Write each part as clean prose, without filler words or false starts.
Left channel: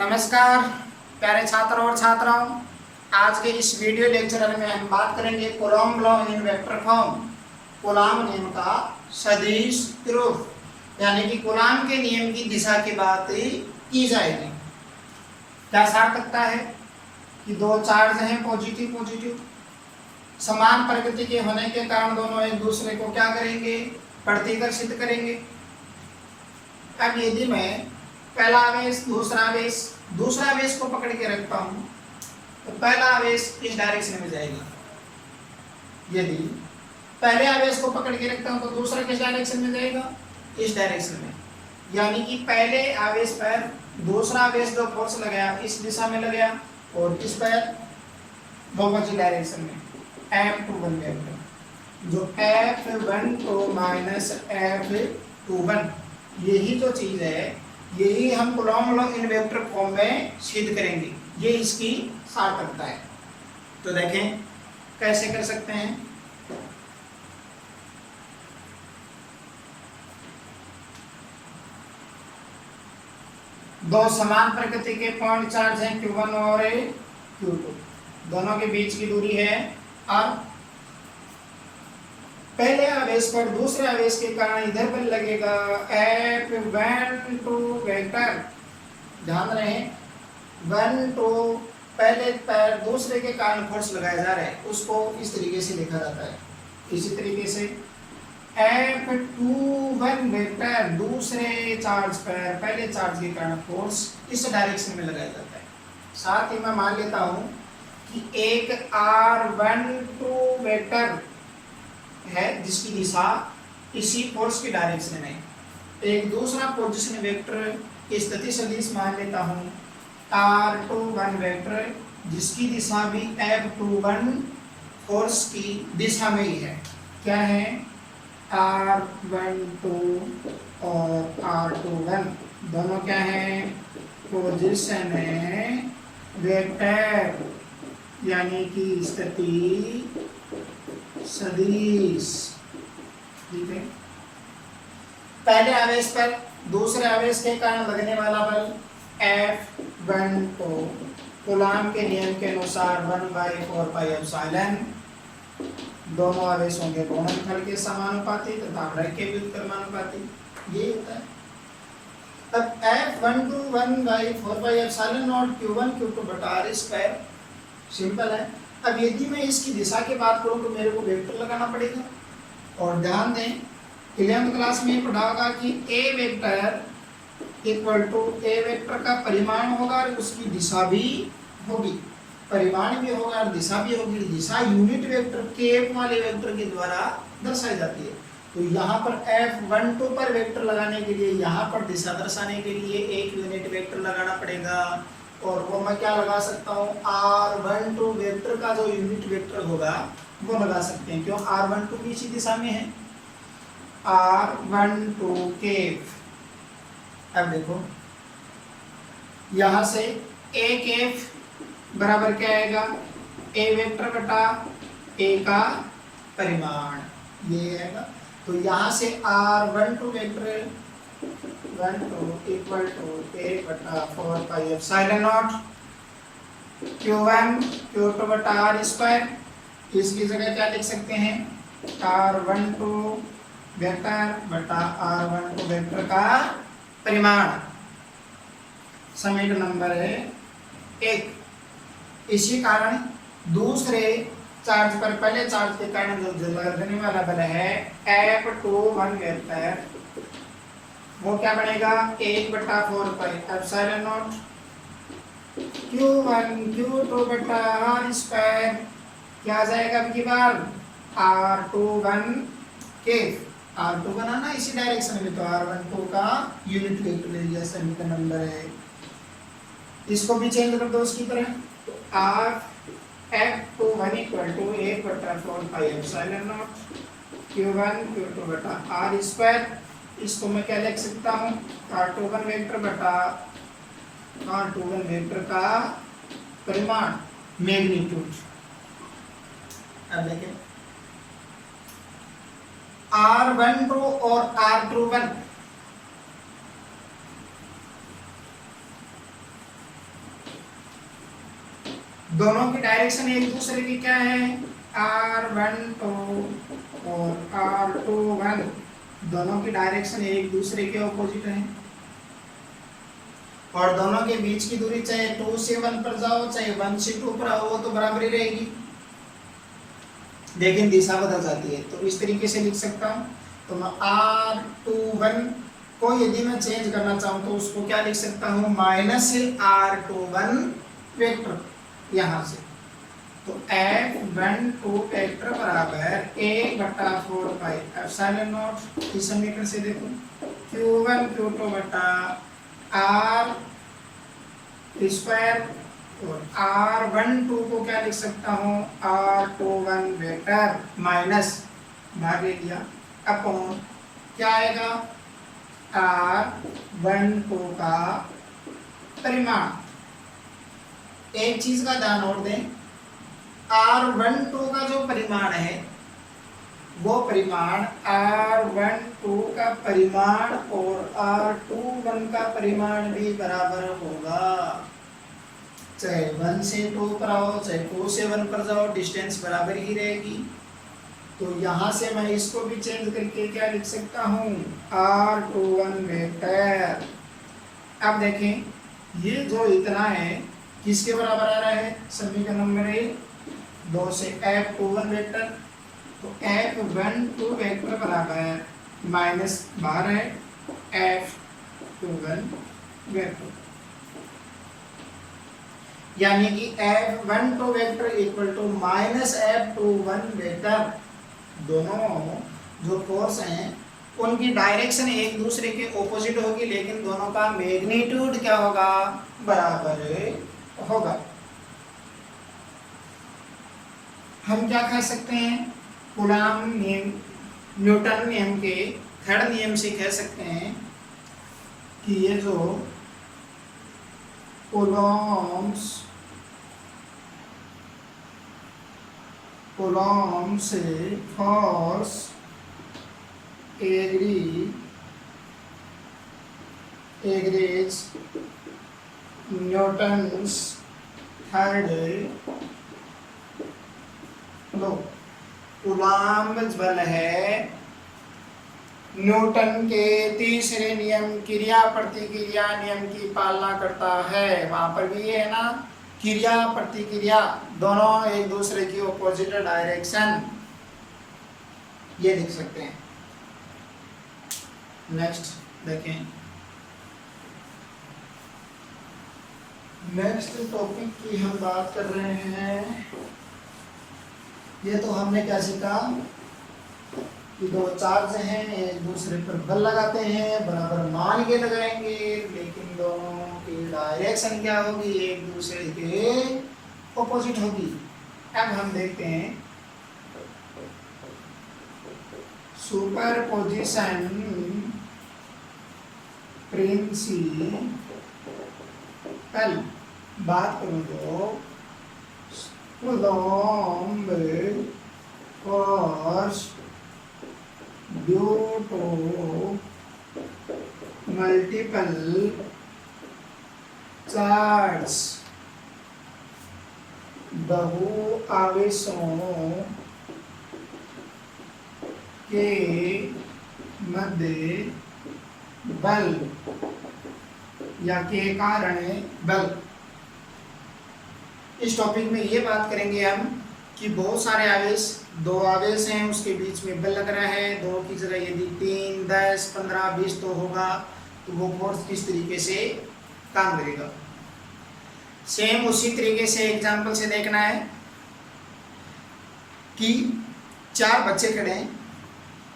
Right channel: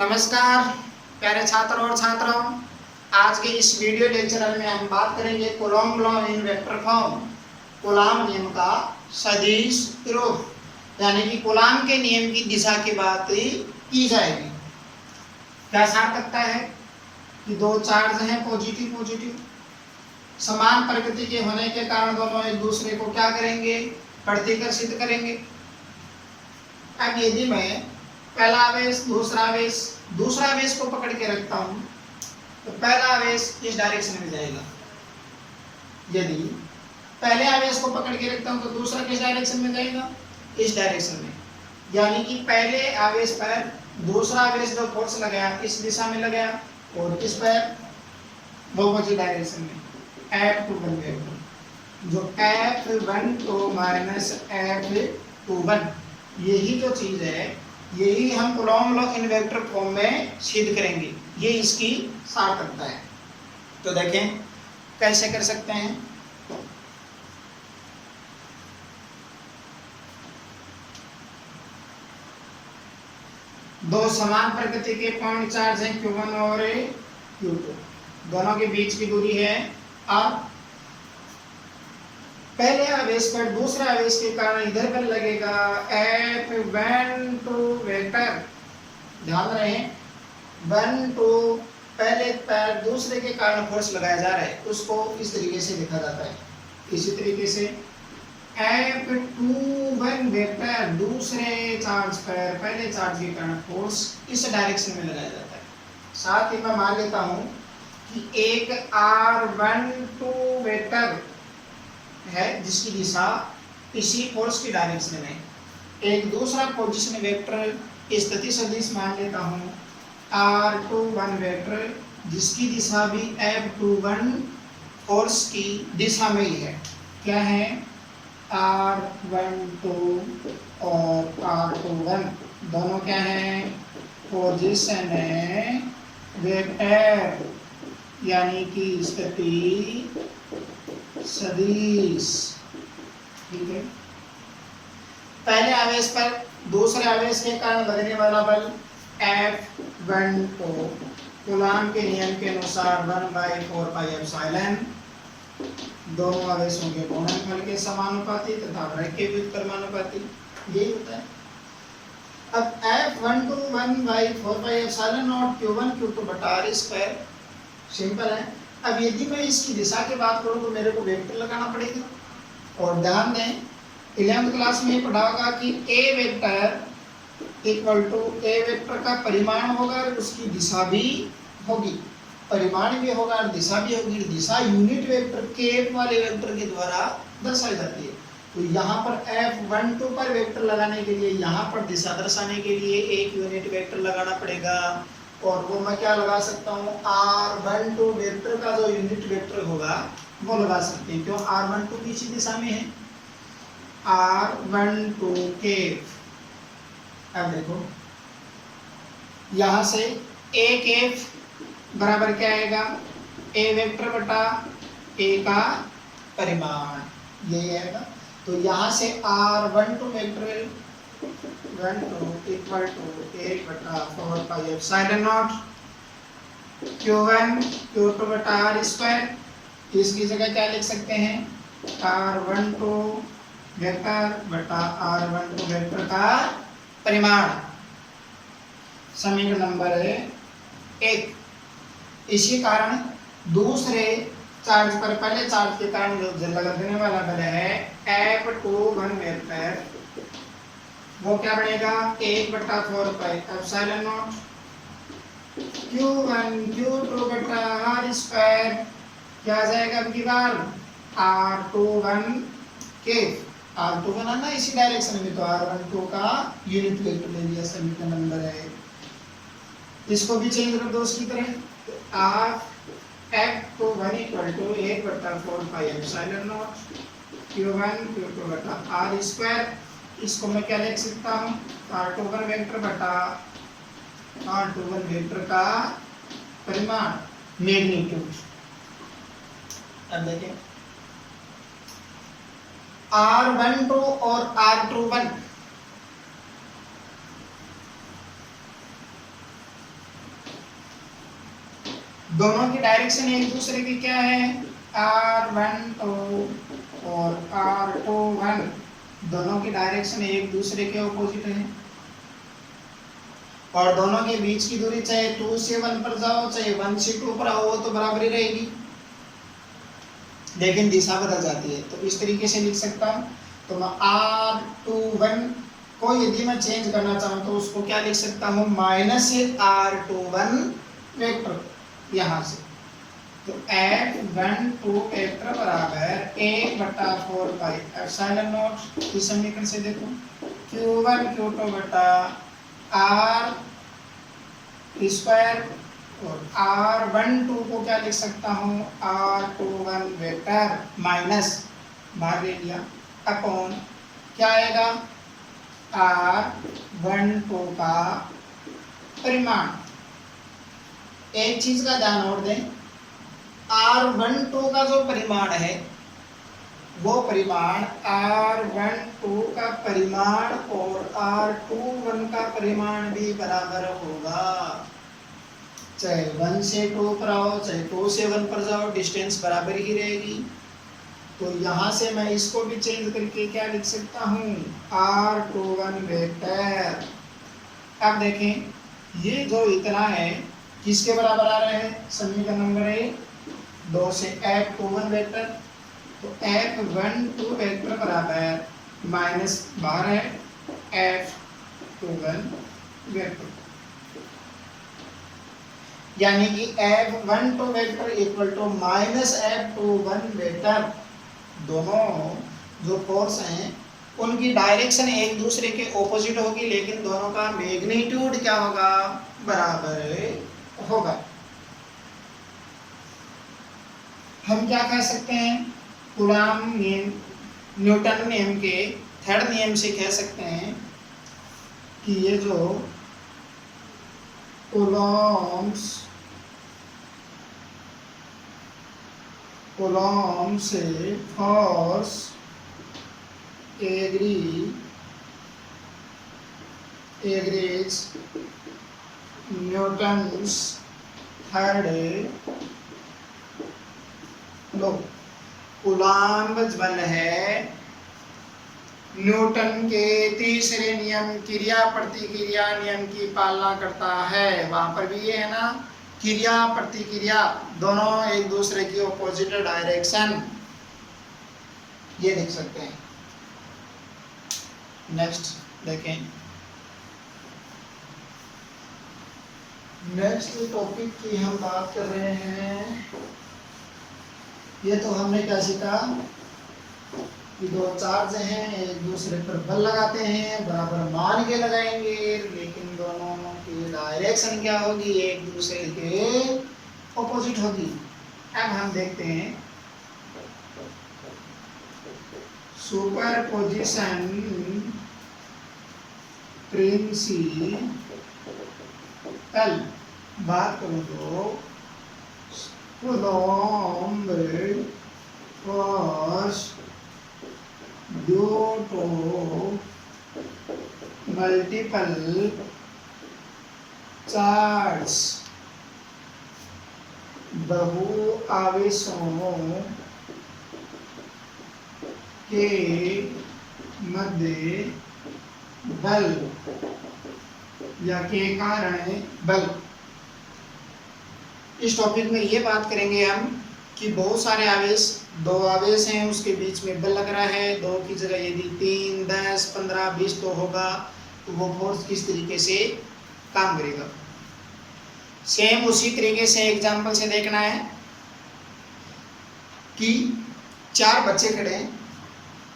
नमस्कार प्यारे छात्र और छात्राओं, आज के इस वीडियो लेक्चर में हम बात करेंगे Coulomb law in vector form. Coulomb नियम का सदिश रूप यानी कि कूलॉम के नियम की दिशा की बात की जाएगी। क्या सार्थकता है कि दो चार्ज हैं पॉजिटिव पॉजिटिव, समान प्रकृति के होने के कारण दोनों एक दूसरे को क्या करेंगे, प्रतिकर्षित करेंगे। अब यदि मैं पहला आवेश दूसरा आवेश को पकड़ के रखता हूं तो पहला आवेश इस डायरेक्शन में जाएगा। यदि पहले आवेश को पकड़ के रखता हूं तो दूसरा किस डायरेक्शन में जाएगा, इस डायरेक्शन में। यानी कि पहले आवेश पर दूसरा आवेश जो फोर्स लगाया इस दिशा में लगाया और इस पर अपोजिट डायरेक्शन में F21 वेक्टर, जो F12 माइनस F21 यही जो चीज है यही हम Coulomb law in vector form में सिद्ध करेंगे। ये इसकी सार्थकता है। तो देखें कैसे कर सकते हैं। दो समान प्रकृति के पॉइंट चार्ज हैं Q1 और Q2, दोनों के बीच की दूरी है R। पहले आवेश पर दूसरे आवेश के कारण इधर पर लगेगा F12 वेक्टर। ध्यान रहे 12 पहले पर दूसरे के कारण फोर्स लगाया जा रहा है, उसको इस तरीके से लिखा जाता है। इसी तरीके से F21 वेक्टर दूसरे चार्ज पर पहले चार्ज के कारण फोर्स इस डायरेक्शन में लगाया जाता है। साथ ही मैं मान लेता हूं कि एक R12 वेक्टर है जिसकी दिशा इसी फोर्स की डायरेक्शन में। एक दूसरा पोजीशन वेक्टर स्थिति सदिश मान लेता हूं R21 वेक्टर जिसकी दिशा भी F21 फोर्स की दिशा में ही है। क्या है, R12 और R21 दोनों क्या है, पोजीशन है वेक्टर यानी कि स्थिति सदिश। ठीक है, पहले आवेश पर दूसरे आवेश के कारण लगने वाला बल F1 को कूलॉम के नियम के अनुसार 1/4πε दोनों आवेशों के गुणनफल के समानुपाती तथा आव्रक के व्युत्क्रमानुपाती, यही होता है। अब F12 1/4πε Q1 Q2 बटा R स्क्वायर सिंपल है। अब यदि मैं इसकी दिशा की बात करूं तो मेरे को वेक्टर लगाना पड़ेगा। और ध्यान दें 11वीं क्लास में पढ़ा होगा कि A vector equal to A vector का परिमाण होगा और उसकी दिशा भी होगी, परिमाण भी होगा और दिशा भी होगी। दिशा यूनिट वेक्टर के वाले वेक्टर के द्वारा दर्शाई जाती है। तो यहाँ पर F12 पर वेक्टर लगाने के लिए, यहाँ पर दिशा दर्शाने के लिए एक यूनिट वेक्टर लगाना पड़ेगा। और वो मैं क्या लगा सकता हूँ, R12 वेक्टर का जो यूनिट वेक्टर होगा वो लगा सकते हैं। क्यों, R12 भी इसी दिशा में है, R12 के। अब देखो यहाँ से एक F बराबर क्या आएगा, A वेक्टर बटा A का परिमाण, ये आएगा। तो यहाँ से R12 vector 12 equal to 1/4πε0 Q1 Q2 बटा R स्क्वायर। इसकी जगह क्या लिख सकते हैं, R12 वेक्टर बटा R12 वेक्टर का परिमाण। समीकरण नंबर है 1। इसी कारण दूसरे चार्ज पर पहले चार्ज के कारण लगने वाला बल है F21 वेक्टर, वो क्या बनेगा 1/4πε0 Q1 Q2 बटा R स्क्वायर। क्या आ जाएगा अब की बार, R21 के R21 आना इसी डायरेक्शन में, तो R12 का यूनिट वेक्टर ले लिया, समीकरण नंबर है। इसको भी चेंज कर दो उसकी तरह, F21 equal to 1/4πε0 Q1 Q2 बटा R स्क्वायर। इसको मैं क्या लिख सकता हूँ, R21 वेक्टर बटा R21 वेक्टर का परिमाण, मैग्नीट्यूड। अब देखें R12 और R21 दोनों की डायरेक्शन एक दूसरे की क्या है, r12 और r21, दोनों की डायरेक्शन एक दूसरे के ऑपोजिट है, और दोनों के बीच की दूरी चाहे 2 से 1 पर जाओ चाहे 1 से 2 पर आओ तो बराबर ही रहेगी, लेकिन दिशा बदल जाती है। तो इस तरीके से लिख सकता हूँ। तो मैं r21 को यदि मैं चेंज करना चाहूँ तो उसको क्या लिख सकता हूँ, -r21 वेक्टर यहाँ से। तो f12 वेक्टर बराबर 1/4 पाई एप्सिलॉन नॉट, इस समीकरण से देखो q1 q2 बटा r स्क्वायर, और r12 को क्या लिख सकता हूँ, r21 वेक्टर माइनस भागे लिया अपॉन क्या आएगा, r12 का परिमाण। एक चीज का ध्यान और दें, r12 का जो परिमाण है वो परिमाण r12 का परिमाण और r21 का परिमाण भी बराबर होगा, चाहे 1 से 2 पर आओ चाहे 2 से 1 पर जाओ, डिस्टेंस बराबर ही रहेगी। तो यहाँ से मैं इसको भी चेंज करके क्या लिख सकता हूँ, r21 वेक्टर। अब देखें ये जो इतना है किसके बराबर आ रहा है, समीकरण नंबर 2 से f21 वेक्टर। तो f12 वेक्टर बराबर माइनस बाहर है f21 वेक्टर, यानी कि f12 vector equal to minus f21 vector. दोनों जो फोर्स हैं उनकी डायरेक्शन एक दूसरे के ऑपोजिट होगी, लेकिन दोनों का मैग्नीट्यूड क्या होगा, बराबर होगा। हम क्या कह सकते हैं, कूलॉम नियम, न्यूटन नियम के थर्ड नियम से कह सकते हैं कि ये जो कूलॉम से फोर्स एग्रीज न्यूटन्स थर्ड लो। कूलॉम बल है न्यूटन के तीसरे नियम क्रिया प्रतिक्रिया नियम की पालना करता है। वहां पर भी ये है ना, क्रिया प्रतिक्रिया दोनों एक दूसरे की ऑपोजिट डायरेक्शन, ये लिख सकते हैं। नेक्स्ट देखें, नेक्स्ट टॉपिक की हम बात कर रहे हैं। ये तो हमने क्या सीखा कि दो चार्ज हैं एक दूसरे पर बल लगाते हैं, बराबर मान के लगाएंगे, लेकिन दोनों की डायरेक्शन क्या होगी, एक दूसरे के ऑपोजिट होगी। अब हम देखते हैं सुपरपोजिशन प्रिंसिपल बात करूं तो Coulomb force due to multiple charge, बहु आवेशों के मध्य बल या के कारण बल। इस टॉपिक में ये बात करेंगे हम कि बहुत सारे आवेश, दो आवेश हैं उसके बीच में बल लग रहा है, दो की जगह यदि 3, 10, 15, 20 तो होगा, तो वो फोर्स किस तरीके से काम करेगा। सेम उसी तरीके से एग्जांपल से देखना है कि 4 बच्चे खड़े हैं,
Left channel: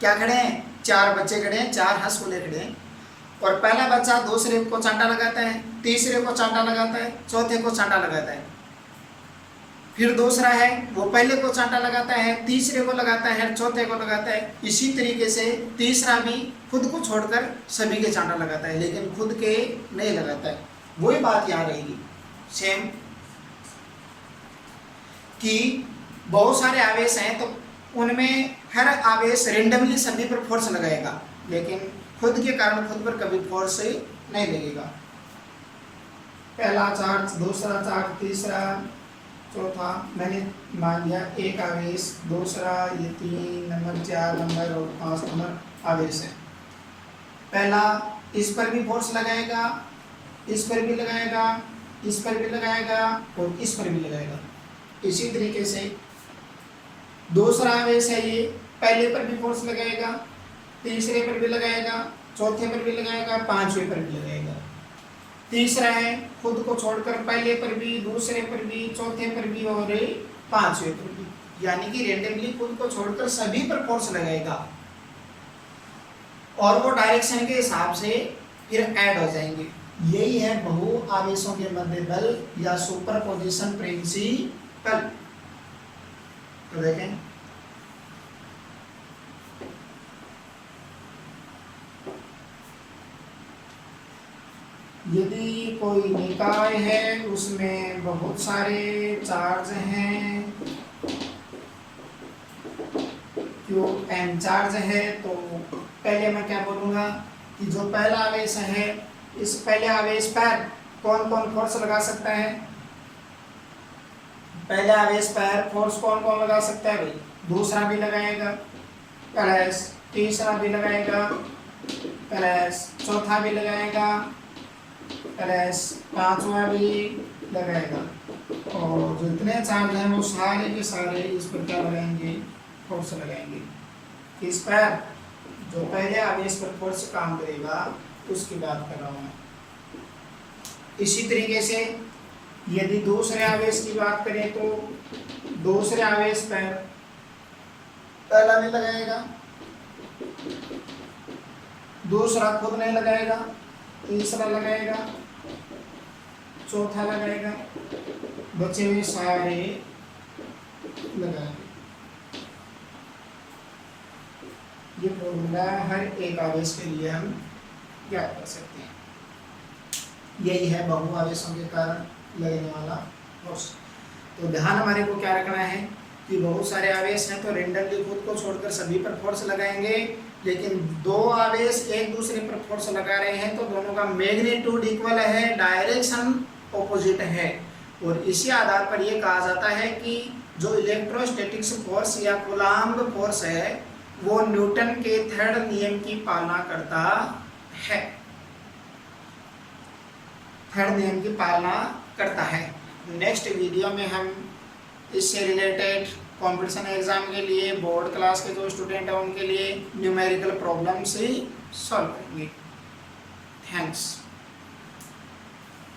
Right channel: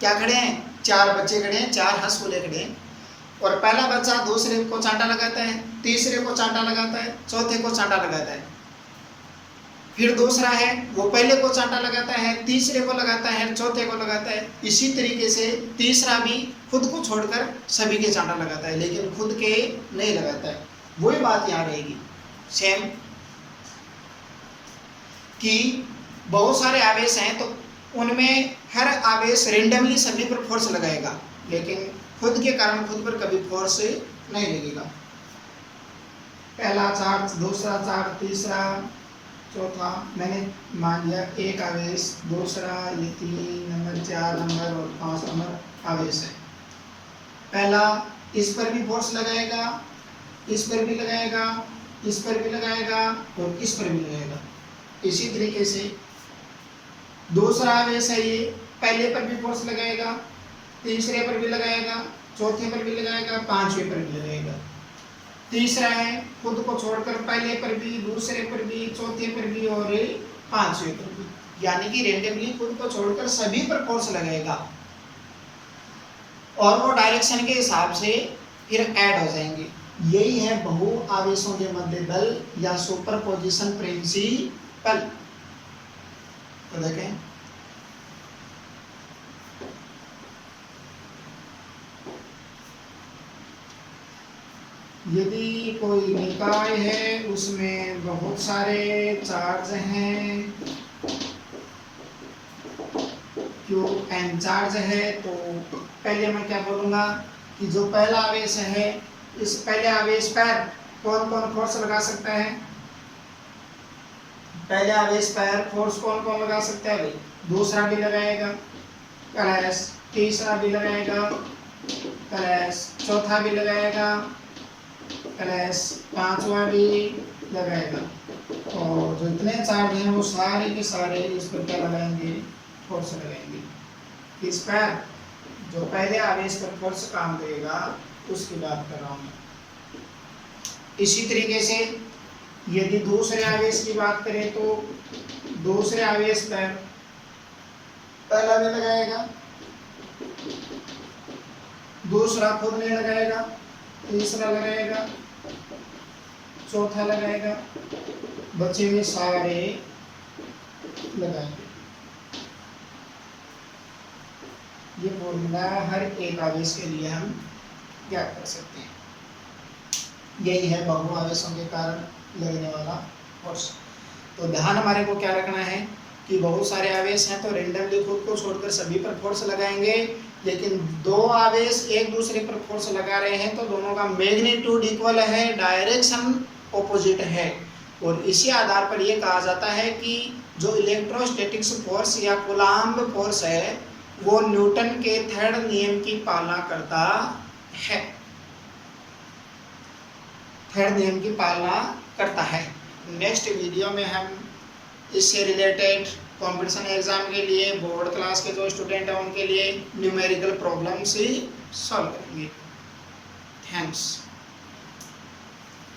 क्या खड़े हैं, 4 बच्चे खड़े हैं, 4 हंसुले खड़े हैं, और पहला बच्चा दूसरे को चांटा लगाता है, तीसरे को चांटा लगाता है, चौथे को चांटा लगाता है, फिर दूसरा है वो पहले को चांटा लगाता है, तीसरे को लगाता है, चौथे को लगाता है। इसी तरीके से तीसरा भी खुद को छोड़कर सभी के चांटा लगाता है, लेकिन खुद के नहीं लगाता है। वही बात यहाँ रहेगी सेम कि बहुत सारे आवेश हैं तो उनमें हर आवेश रेंडमली सभी पर फोर्स लगाएगा, लेकिन खुद के कारण खुद पर कभी फोर्स नहीं लगेगा। पहला चार्ज, दूसरा चार्ज, तीसरा, चौथा मैंने मान लिया एक आवेश, दूसरा ये 3 नंबर, 4 नंबर और 5 नंबर आवेश है। पहला इस पर भी फोर्स लगाएगा, इस पर भी लगाएगा, इस पर भी लगाएगा और इस पर भी लगाएगा। इसी तरीके से दूसरा आवेश है ये, पहले पर भी फोर्स लगाएगा, तीसरे पर भी लगाएगा, चौथे पर भी लगाएगा, पांचवें पर भी लगाएगा। तीसरा है खुद को छोड़कर पहले पर भी, दूसरे पर भी, चौथे पर भी और पांचवें पर भी, यानी कि रेंडमली खुद को छोड़कर सभी पर फोर्स लगाएगा और वो डायरेक्शन के हिसाब से फिर ऐड हो जाएंगे। यही है बहु आवेशों के मध्य बल या सुपरपोजिशन प्रिंसिपल। तो देखें यदि कोई निकाय है उसमें बहुत सारे चार्ज हैं, क्यू एन चार्ज है, तो पहले मैं क्या बोलूँगा कि जो पहला आवेश है इस पहले आवेश पर कौन कौन फोर्स लगा सकता है। पहले आवेश पर फोर्स कौन कौन लगा सकता है भाई, दूसरा भी लगाएगा प्लस, तीसरा भी लगाएगा प्लस, चौथा भी लगाएगा प्लस, पांचवा भी लगाएगा और जो इतने चार्ज हैं वो सारे के सारे इस पर क्या लगाएंगे, फोर्स लगाएंगे। इस पर जो पहले आवेश पर फोर्स काम करेगा उसकी बात कर रहा हूँ मैं। इसी तरीके से यदि दूसरे आवेश की बात करें तो दूसरे आवेश पर पहला भी लगाएगा, दूसरा खुद नहीं लगाएगा, तीसरा लगाएगा, चौथा लगाएगा, बचे हुए सारे लगाएंगे। ये फॉर्मूला हर एक आवेश के लिए हम ज्ञात कर सकते हैं। यही है बहु आवेशों के कारण लगने वाला फोर्स। तो ध्यान हमारे को क्या रखना है कि बहुत सारे आवेश हैं तो रेंडमली खुद को छोड़कर सभी पर फोर्स लगाएंगे, लेकिन दो आवेश एक दूसरे पर फोर्स लगा रहे हैं तो दोनों का मैग्नीट्यूड इक्वल है, डायरेक्शन ऑपोजिट है, और इसी आधार पर यह कहा जाता है कि जो इलेक्ट्रोस्टैटिक्स फोर्स या कूलम्ब फोर्स है वो न्यूटन के थर्ड नियम की पालना करता है, थर्ड नियम की पालना करता है। नेक्स्ट वीडियो में हम इससे रिलेटेड कंपटीशन एग्जाम के लिए बोर्ड क्लास के जो स्टूडेंट हैं उनके लिए न्यूमेरिकल प्रॉब्लम से सॉल्व करेंगे। थैंक्स।